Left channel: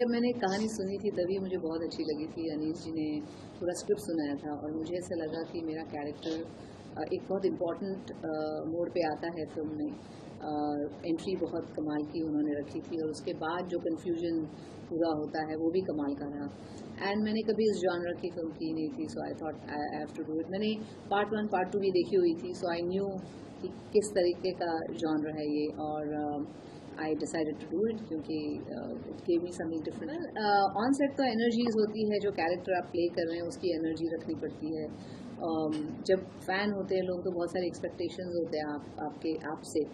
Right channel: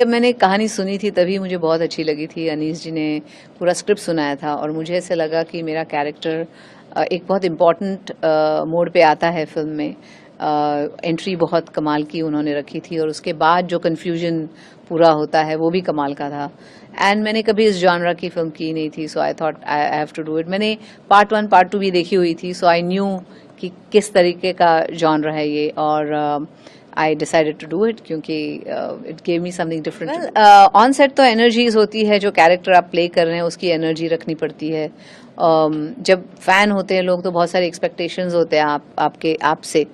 जब मैंने कहानी सुनी थी तभी मुझे बहुत अच्छी लगी थी। अनीस जी ने पूरा स्क्रिप्ट सुनाया था और मुझे ऐसे लगा कि मेरा कैरेक्टर एक बहुत इम्पॉर्टेंट मोड़ पे आता है फिल्म में। एंट्री बहुत कमाल की उन्होंने रखी थी और उसके बाद जो कन्फ्यूजन पूरा होता है वो भी कमाल का था। एंड मैंने कभी इस जॉनरा की फिल्म की नहीं थी, so I thought I have to do it. मैंने पार्ट 1 पार्ट 2 भी देखी हुई थी, सो आई न्यू कि किस तरीके का जॉनर है ये, और I decided to do it क्योंकि it gave me something different. Well, on set तो एनर्जीज होती है, जो कैरेक्टर आप प्ले कर रहे हैं उसकी एनर्जी रखनी पड़ती है। जब फैन होते हैं लोग तो बहुत सारे एक्सपेक्टेशंस होते हैं आपके आपसे,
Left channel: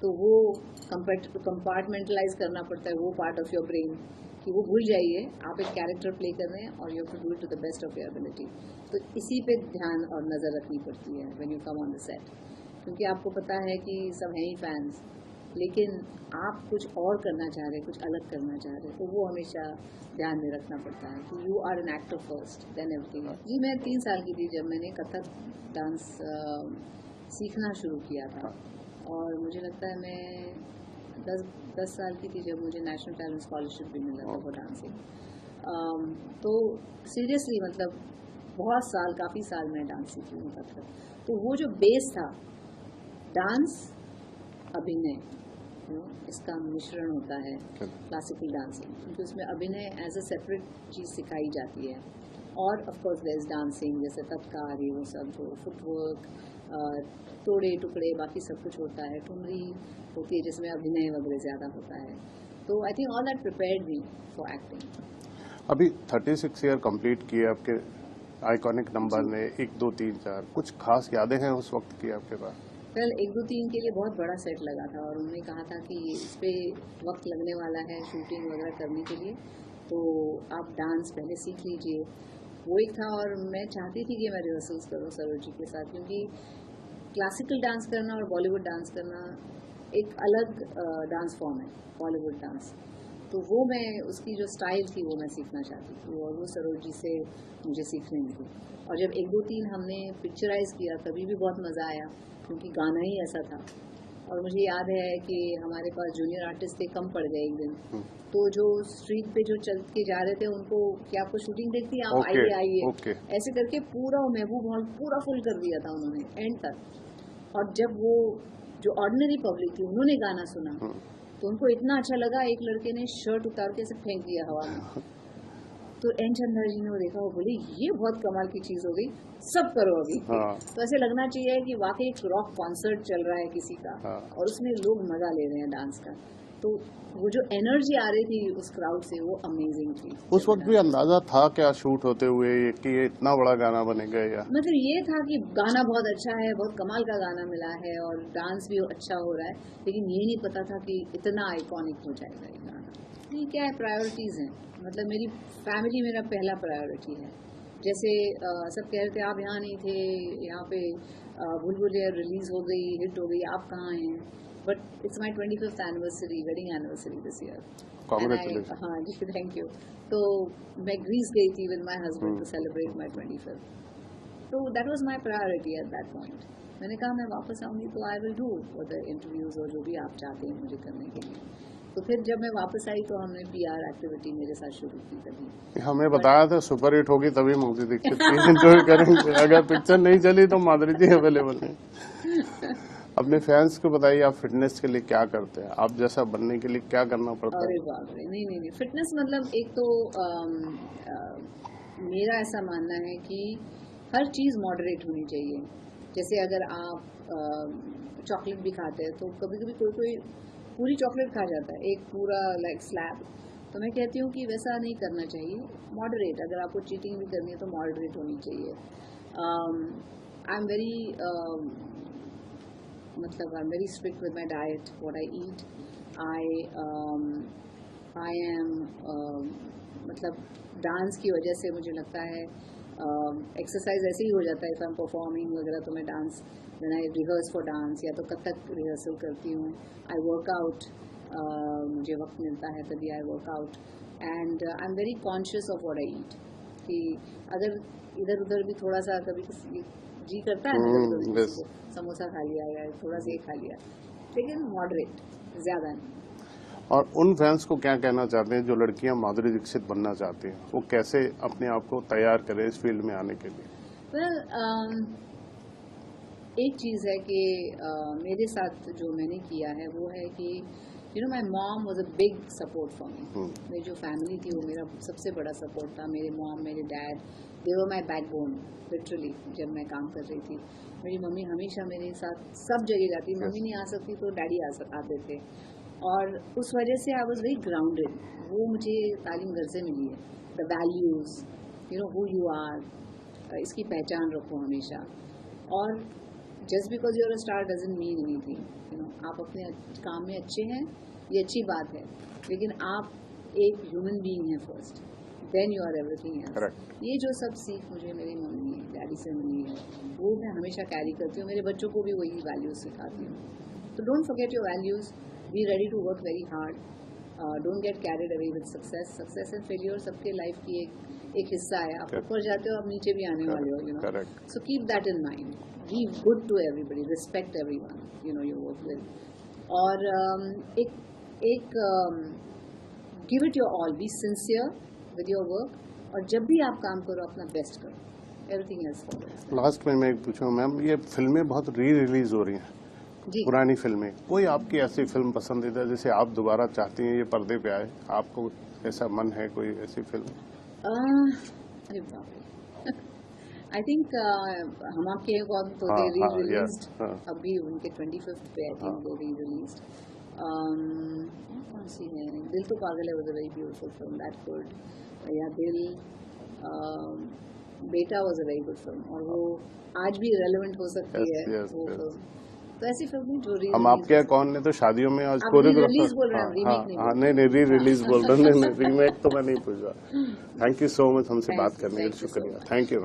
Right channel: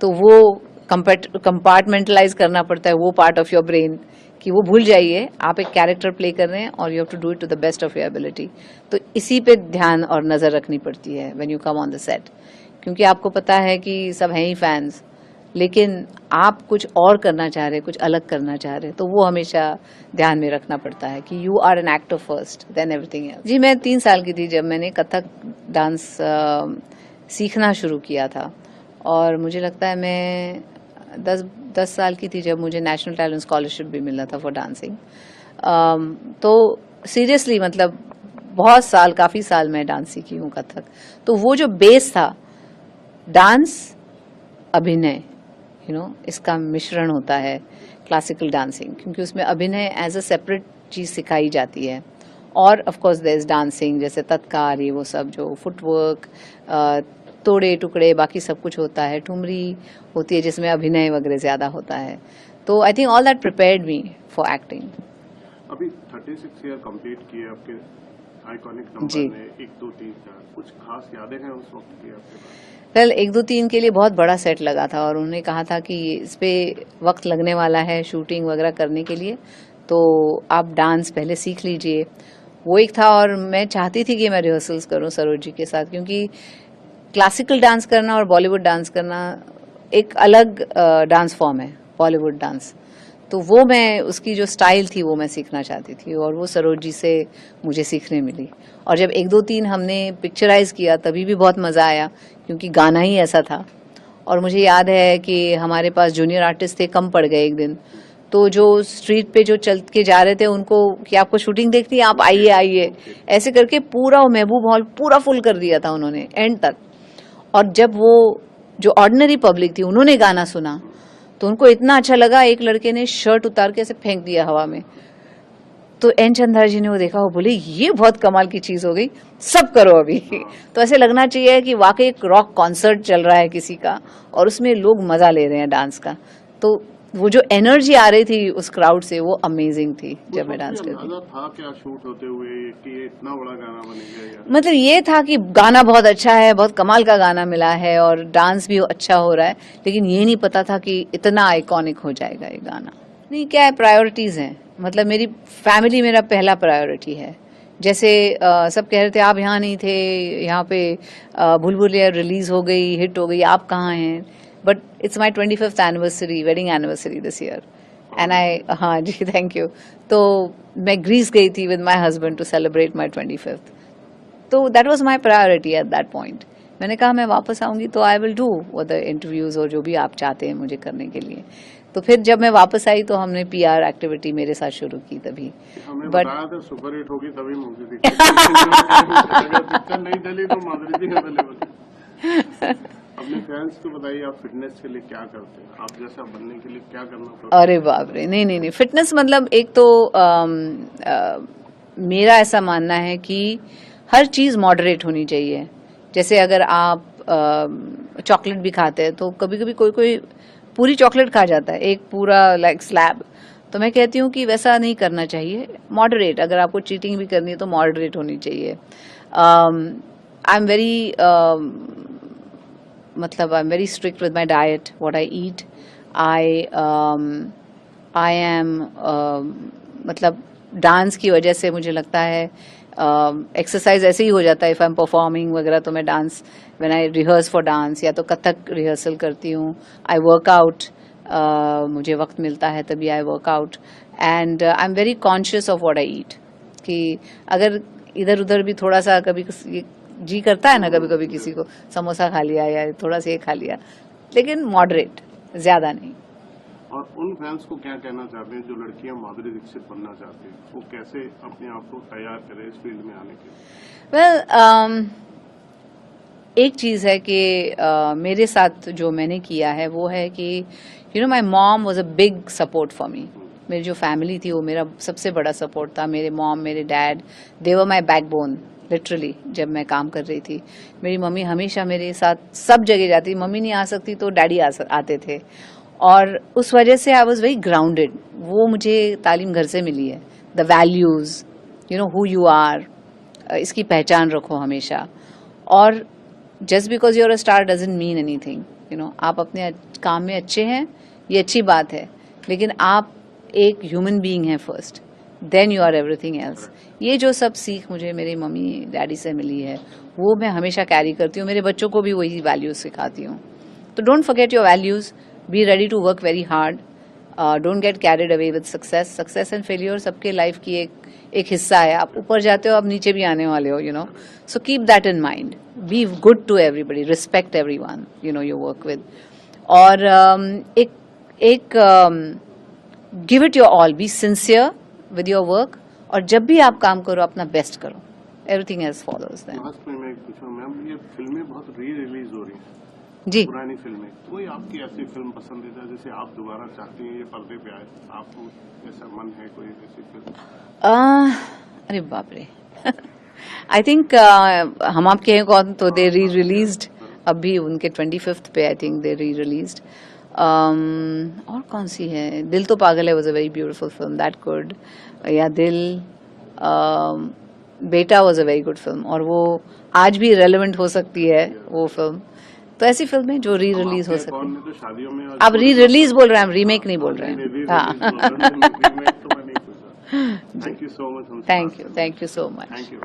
तो वो कंपार्टमेंटलाइज करना पड़ता है वो पार्ट ऑफ योर ब्रेन कि वो भूल जाइए आप एक कैरेक्टर प्ले कर रहे हैं और you have to do it to the best of your ability. तो इसी पे ध्यान और नज़र रखनी पड़ती है when you come on the set, क्योंकि आपको पता है कि सब हैं ही फैंस, लेकिन आप कुछ और करना चाह रहे, कुछ अलग करना चाह रहे, तो वो हमेशा ध्यान में रखना पड़ता है कि you are an actor first then everything else. जी, मैं 3 साल की थी जब मैंने कथक डांस सीखना शुरू किया था, और मुझे लगता है मैं 10 साल की थी जब मुझे नेशनल टैलेंट स्कॉलरशिप भी मिला था फॉर डांसिंग। तो सीरियसली मतलब बहुत साल, काफ़ी साल मैं डांस सीखी हूँ कथक। तो वो जो बेस था, डांस, अभिनय, इसका मिश्रण होता है क्लासिकल डांसिंग, क्योंकि उसमें अभिनय एज अ सेपरेट चीज़ सिखाई जाती है। और of course there is dancing, जैसे तत्कार, ये वो सब जो फुटवर्क, तोड़े टुकड़े, बाकी सब कुछ होता है। ठुमरी होती है जिसमें अभिनय वगैरह ज़्यादा होता है। तो I think all that prepared me for acting. अभी 36 ईयर कंप्लीट किए आपके आइकॉनिक नंबर ने 1 2 3 4, कुछ खास यादें हैं उस वक्त की आपके पास? वेल, 1 2 3 के लिए बहुत बड़ा सेट लगा था और उन्होंने कहा था कि इस पे वक्त लगने वाला है शूटिंग वगैरह करने के लिए, तो आप डांस पहले सीख लीजिए। वो एक था, और मैं चाहती थी कि मैं रिहर्सल्स करूं सरोज जी के साथ, क्योंकि क्लासिकल डांस करना और बॉलीवुड डांस करना एक अलग डांस फॉर्म है, बॉलीवुड डांस। तो वो मैं, उसकी जो स्टाइल थी वो मैं सीखना चाहती थी, और वो सरोज जी से मुझे सीखने मिली। और जब 1 2 3 हमने पिक्चराइज किया तभी भी बहुत मज़ा आया, क्योंकि गाना ही ऐसा था। और मुझे याद है कि हमारे पास जूनियर आर्टिस्ट थे, कम पड़ गए एक दिन, तो जो स्ट्रीट पे जो चल के जा रहे थे उनको कि आपको शूटिंग देखनी है, आप आइए आइए, ऐसे करके पूरा महबूब हॉल पूरा फुल कर दिया था उन्होंने एंड तक। और जब वो जो ऑर्डिनरी पब्लिक थी उन्होंने गाना सुना तो उनको इतना अच्छा लगा, एक लड़के ने शर्ट उतार के ऐसे फेंक दिया हवा में। तो एन चंद्रा जी ने वो देखा, वो बोले ये बहुत कमाल की चीज हो गई, सब करो अभी। तो ऐसे लगना चाहिए कि वाकई एक रॉक कॉन्सर्ट चल रहा है किसी का, और उसमें लोग मजा ले रहे हैं डांस का। तो वो जो एनर्जी आ रही थी उस क्राउड से, वो अमेजिंग थी। जब मैं डांस अंदाजा था क्या शूट होते हुए कि ये इतना बड़ा गाना बनेगा? या मतलब ये था कि गाना बहुत अच्छा है, बहुत कमाल का गाना मिला है और डांस भी अच्छा हो रहा है, लेकिन ये नहीं पता था कि इतना आइकॉनिक हो जाएगा ये गाना। नहीं, क्या है, प्रायोरिटीज हैं। मतलब मेरी फैमिली मेरा पहला प्रायोरिटी है। जैसे सब कह रहे थे आप यहाँ नहीं थे, यहाँ पे भूल भुलैया रिलीज हो गई, हिट हो गई, आप कहाँ हैं? But it's my 25th anniversary, wedding anniversary this year, and I, हाँ जी, थैंक यू। तो मैं ग्रीस गई थी with my husband to celebrate my 25th। तो that was my priority at that point. मैंने कहा मैं वापस आऊंगी तो आई विल डू वो द इंटरव्यूज और जो भी आप चाहते हैं मुझे करने के लिए। तो फिर जब मैं वापस आई तो हमने PR एक्टिविटी मेरे साथ शुरू की तभी। हमें बताया था सुपर हिट होगी तभी मूवी देखते। अगर पिक्चर नहीं चली तो माधुरी जी अवेलेबल नहीं। अपने फैंस को बताइए, आप फिटनेस के लिए क्या करते हैं? आप जैसा बनने के लिए क्या करना पड़ता है? अरे बाप रे, नहीं नहीं नहीं, फिटनेस मतलब एक तो मेरा ऐसा मानना है कि हर चीज मॉडरेट होनी चाहिए। जैसे अगर आप चॉकलेट भी खाते हैं तो कभी कभी कोई कोई पूरी चॉकलेट खा जाता है, एक पूरा लाइक स्लैब। तो मैं कहती हूँ कि वैसा नहीं करना चाहिए, मॉडरेट। अगर आपको चीटिंग भी करनी है तो मॉडरेट होनी चाहिए। आई एम वेरी मतलब आई am very strict with my diet, what I eat. I am मतलब डांस की वजह से मुझे लगता है एक्सरसाइज ऐसे ही हो जाता है। इफ़ आई एम परफॉर्मिंग वगैरह तो मैं dance, when I rehearse for dance या तो कथक रिहर्सल करती हूँ। आई वर्क आउट, मुझे वक्त मिलता है तभी I work out. And I am very conscious of what I eat, कि अगर इधर उधर भी थोड़ा सा कभी जी करता है ना, कभी कभी किसी को समोसा खा लिया या थोड़ा सा ये खा लिया, लेकिन मॉडरेट, ज़्यादा नहीं। और उन फैंस को क्या कहना चाहते हैं जो लड़कियां माधुरी दीक्षित बनना चाहती हैं, वो कैसे अपने आप को तैयार करें इस फील्ड में आने के लिए? वेल, एक चीज़ है कि मेरे साथ जो मैंने किया है वो है कि you know my mom was a big support for me. मेरी जो फैमिली थी वो मेरा सबसे बड़ा सपोर्ट था। मेरे मॉम, मेरे डैड, दे वर माई बैकबोन लिटरली। जब मैं काम कर रही थी, मेरी मम्मी हमेशा मेरे साथ सब जगह जाती। मम्मी नहीं आ सकती तो डैडी आते थे, और उस वजह से आई वॉज वेरी ग्राउंडेड। वो मुझे तालीम घर से मिली है। The values, you know who you are, इसकी पहचान रखो हमेशा। और just because you're a star doesn't mean anything. You know, आप अपने काम में अच्छे हैं, ये अच्छी बात है, लेकिन आप एक ह्यूमन बीइंग हैं first, then you are everything else. ये जो सब सीख मुझे मेरी मम्मी डैडी से मिली है, वो मैं हमेशा कैरी करती हूँ। मेरे बच्चों को भी वही वैल्यूज सिखाती हूँ। तो don't forget your values, be ready to work very hard, don't get carried away with success. Success and failure सबके लाइफ की एक हिस्सा है। आप ऊपर जाते हो, आप नीचे भी आने वाले हो, you know. So keep that in mind, be good to everybody, respect everyone you know you work with. और एक give it your all, be sincere with your work, और जब भी आप काम करो अपना बेस्ट करो, everything else follows then. Last में मैं एक पूछूं मैम, ये फिल्में बहुत रिलीज हो रही हैं जी, पुरानी फिल्में, कोई आपकी ऐसी फिल्म पसंदीदा जिसे आप दोबारा चाहती हैं ये पर्दे पे आए? आपको ऐसा मन है कोई ऐसी फिल्म? अरे बाप रे, आई थिंक हम आपके हैं कौन, तो दे री रिलीज्ड अभी उनके 25th पे, आई थिंक दे री रिलीज्ड। और कौन सी है? दिल तो पागल है, was a very beautiful film, that good. या दिल, बेटा was a very good film, और वो आज भी रेलेवेंट हो सकती है वो फिल्म। तो ऐसी फिल्में जो री रिलीज हो सकती कौन ने तो शादियों में अब री रिलीज बोल रहे हैं, हम रीमेक नहीं बोल रहे हैं। री रिलीज बोल रहे हैं, रीमेक तो मैं नहीं पूछ रहा। थैंक यू सो मच हमसे बात करने के लिए। Thank you so much. Thank you.